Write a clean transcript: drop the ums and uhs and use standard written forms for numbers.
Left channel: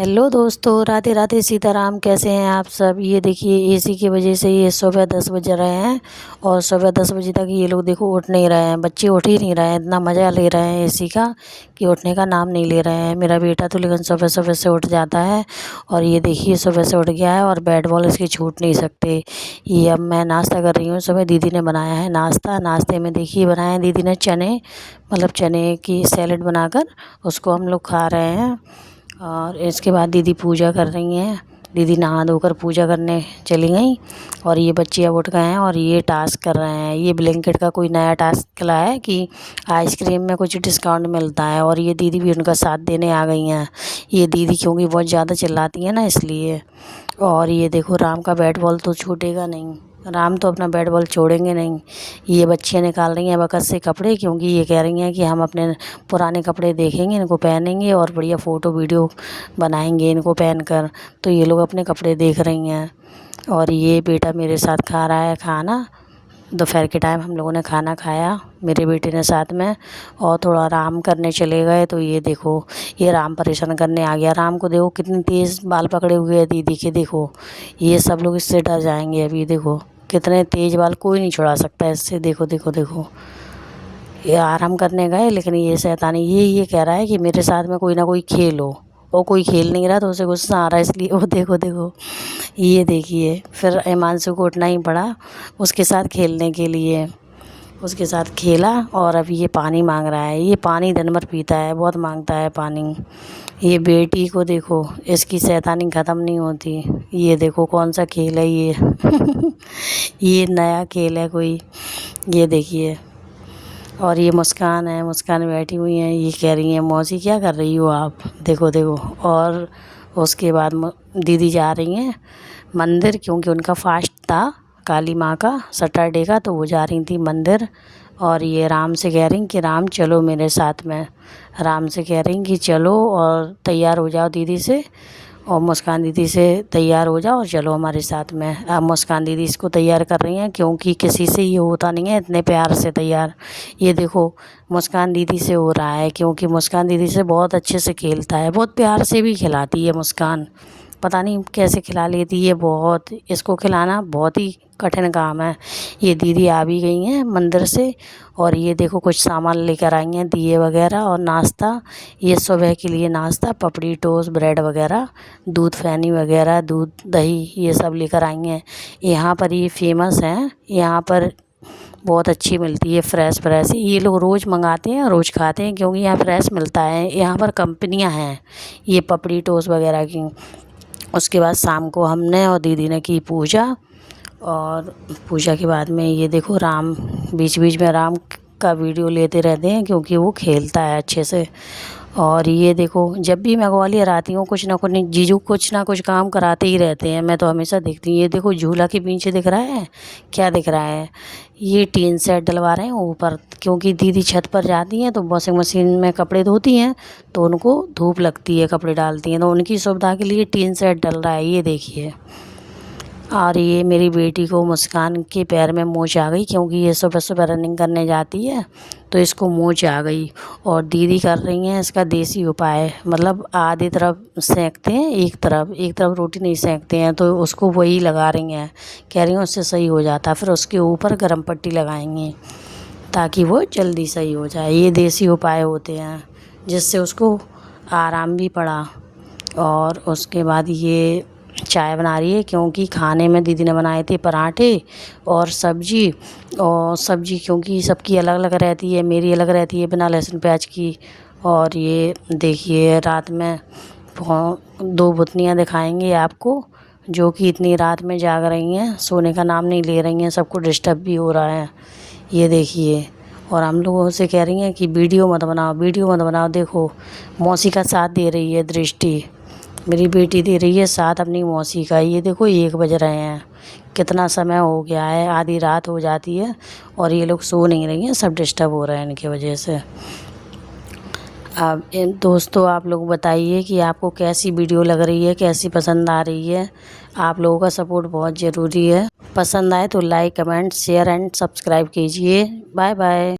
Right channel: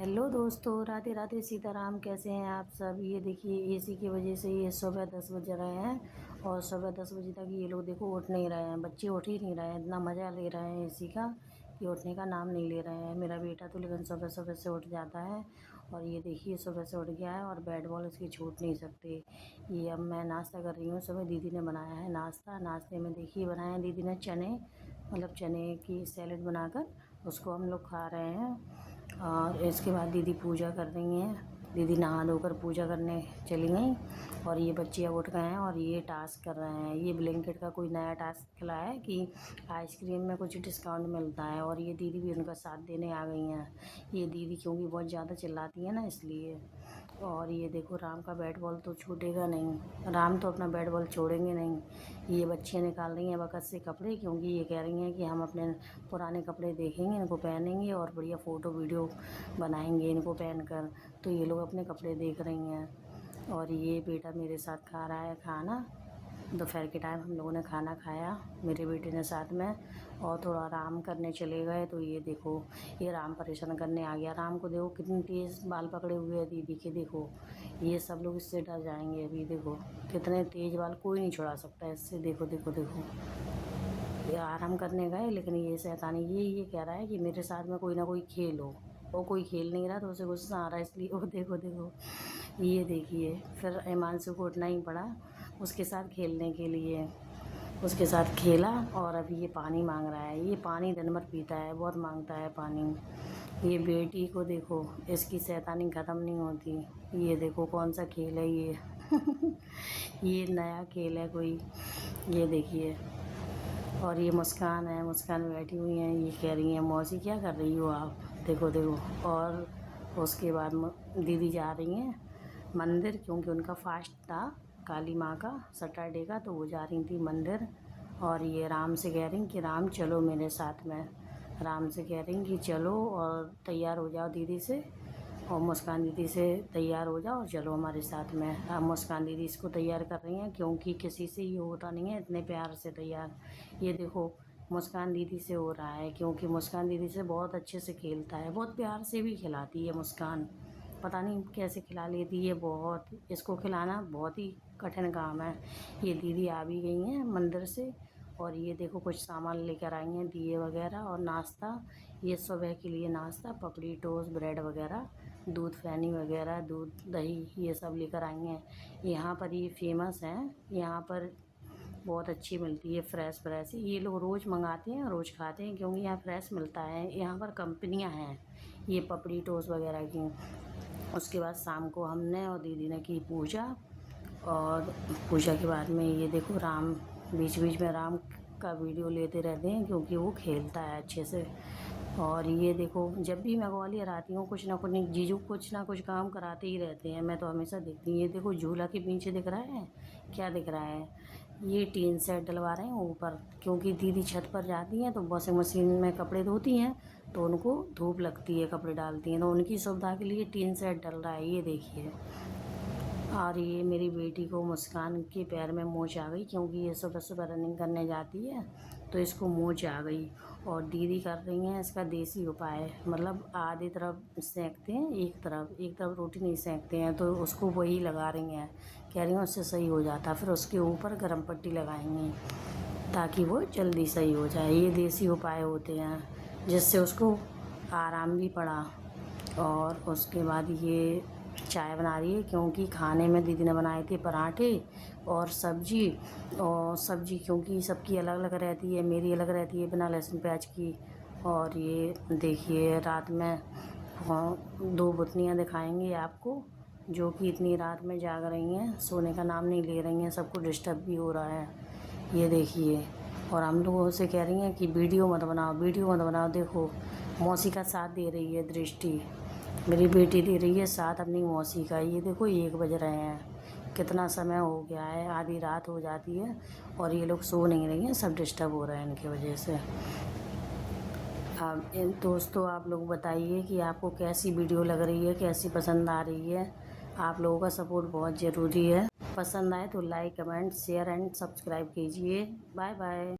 Hello दोस्तों, राधे राधे सीताराम। कैसे हैं आप सब। ये देखिए एसी की वजह से ये सुबह 10 बज रहे हैं और सुबह 10 बजे तक ये लोग देखो उठ नहीं रहे हैं। बच्चे उठ ही नहीं रहे हैं, इतना मज़ा ले रहे हैं एसी का कि उठने का नाम नहीं ले रहे हैं। मेरा बेटा तो लेकिन सुबह सुबह से उठ जाता है और ये देखिए सुबह से उठ गया है और बैट बॉल इसके छूट नहीं सकते। ये अब मैं नाश्ता कर रही हूँ। सुबह दीदी ने बनाया है नाश्ता। नाश्ते में देखिए बनाया है दीदी ने चने, मतलब चने की सैलेड बनाकर उसको हम लोग खा रहे हैं। और इसके बाद दीदी पूजा कर रही हैं। दीदी नहा धोकर पूजा करने चली गई और ये बच्चे अब उठ गए हैं और ये टास्क कर रहे हैं। ये ब्लिंकिट का कोई नया टास्क निकला है कि आइसक्रीम में कुछ डिस्काउंट मिलता है और ये दीदी भी उनका साथ देने आ गई हैं। ये दीदी क्योंकि बहुत ज़्यादा चिल्लाती हैं ना, इसलिए। और ये देखो राम का बैट बॉल तो छूटेगा नहीं, राम तो अपना बैट बॉल छोड़ेंगे नहीं। ये बच्चियाँ निकाल रही हैं बकस से कपड़े, क्योंकि ये कह रही हैं कि हम अपने पुराने कपड़े देखेंगे, इनको पहनेंगे और बढ़िया फ़ोटो वीडियो बनाएंगे इनको पहन कर। तो ये लोग अपने कपड़े देख रही हैं और ये बेटा मेरे साथ खा रहा है खाना। दोपहर के टाइम हम लोगों ने खाना खाया मेरे बेटे ने साथ में और थोड़ा आराम करने चले गए। तो ये देखो ये राम परेशान करने आ गया। राम को देखो कितनी तेज़ बाल पकड़े हुए है दीदी के। देखो ये सब लोग इससे डर जाएंगे। अभी देखो कितने तेज़ बाल, कोई नहीं छुड़ा सकता इससे। देखो देखो देखो ये आराम करने गए, लेकिन ये शैतानी ये कह रहा है कि मेरे साथ में कोई ना कोई खेल हो, और कोई खेल नहीं रहा तो उसे गुस्सा आ रहा है, इसलिए वो देखो देखो ये देखिए। फिर हिमांशु को उठना ही पड़ा उसके साथ खेलने के लिए। उसके साथ खेला और अब ये पानी मांग रहा है। ये पानी दिन भर पीता है, बहुत मांगता है पानी। ये बेटी को देखो, इसकी शैतानी ख़त्म नहीं होती। ये देखो कौन सा खेल है ये ये नया खेल है कोई, ये देखिए। और ये मुस्कान है, मुस्कान बैठी हुई हैं। ये कह रही हैं मौसी क्या कर रही हो आप, देखो देखो। और उसके बाद दीदी जा रही हैं मंदिर, क्योंकि उनका फास्ट था काली माँ का सैटरडे का, तो वो जा रही थी मंदिर। और ये राम से कह रही कि राम चलो मेरे साथ में। राम से कह रही कि चलो और तैयार हो जाओ दीदी से, और मुस्कान दीदी से तैयार हो जाओ और चलो हमारे साथ में। अब मुस्कान दीदी इसको तैयार कर रही हैं, क्योंकि किसी से ये होता नहीं है इतने प्यार से तैयार। ये देखो मुस्कान दीदी से हो रहा है, क्योंकि मुस्कान दीदी से बहुत अच्छे से खेलता है, बहुत प्यार से भी खिलाती है मुस्कान। पता नहीं कैसे खिला लेती है, बहुत इसको खिलाना बहुत ही कठिन काम है। ये दीदी आ भी गई हैं मंदिर से और ये देखो कुछ सामान लेकर आई हैं, दिए वगैरह और नाश्ता। ये सुबह के लिए नाश्ता पपड़ी टोस्ट ब्रेड वगैरह, दूध फैनी वगैरह, दूध दही, ये सब लेकर आई हैं। यहाँ पर ये फेमस हैं, यहाँ पर बहुत अच्छी मिलती है, फ्रेश फ्रेश। ये लोग रोज़ मंगाते हैं, रोज़ खाते हैं, क्योंकि यहाँ फ्रेश मिलता है। यहाँ पर कंपनियाँ हैं ये पपड़ी टोस्ट वगैरह की। उसके बाद शाम को हमने और दीदी ने की पूजा, और पूजा के बाद में ये देखो राम बीच बीच में राम का वीडियो लेते रहते हैं, क्योंकि वो खेलता है अच्छे से। और ये देखो जब भी मैं ग्वालियर आती हूँ कुछ ना कुछ जीजू कुछ ना कुछ काम कराते ही रहते हैं, मैं तो हमेशा देखती हूँ। ये देखो झूला के पीछे दिख रहा है, क्या दिख रहा है, ये टीन सेट डलवा रहे हैं ऊपर, क्योंकि दीदी छत पर जाती हैं तो वॉशिंग मशीन में कपड़े धोती हैं, तो उनको धूप लगती है कपड़े डालती हैं, तो उनकी सुविधा के लिए टीन सेट डल रहा है, ये देखिए। और ये मेरी बेटी को मुस्कान के पैर में मोच आ गई, क्योंकि ये सुबह सुबह रनिंग करने जाती है तो इसको मोच आ गई। और दीदी कर रही हैं इसका देसी उपाय, मतलब आधी तरफ सेंकते हैं, एक तरफ रोटी नहीं सेंकते हैं, तो उसको वही लगा रही हैं। कह रही हैं उससे सही हो जाता, फिर उसके ऊपर गर्म पट्टी लगाएंगी ताकि वो जल्दी सही हो जाए। ये देसी उपाय होते हैं जिससे उसको आराम भी पड़ा। और उसके बाद ये चाय बना रही है, क्योंकि खाने में दीदी ने बनाए थे पराठे और सब्जी। और सब्जी क्योंकि सबकी अलग अलग रहती है, मेरी अलग रहती है बिना लहसुन प्याज की। और ये देखिए रात में 2 बुतनियाँ दिखाएंगे आपको, जो कि इतनी रात में जाग रही हैं, सोने का नाम नहीं ले रही हैं, सबको डिस्टर्ब भी हो रहा है, ये देखिए। और हम लोगों से कह रही हैं कि वीडियो मत बनाओ, वीडियो मत बनाओ। देखो मौसी का साथ दे रही है दृष्टि, मेरी बेटी दे रही है साथ अपनी मौसी का। ये देखो 1 बज रहे हैं, कितना समय हो गया है, आधी रात हो जाती है और ये लोग सो नहीं रही हैं, सब डिस्टर्ब हो रहे हैं इनकी वजह से। अब दोस्तों आप लोग बताइए कि आपको कैसी वीडियो लग रही है, कैसी पसंद आ रही है। आप लोगों का सपोर्ट बहुत ज़रूरी है। पसंद आए तो like comment share and subscribe कीजिए। Bye bye.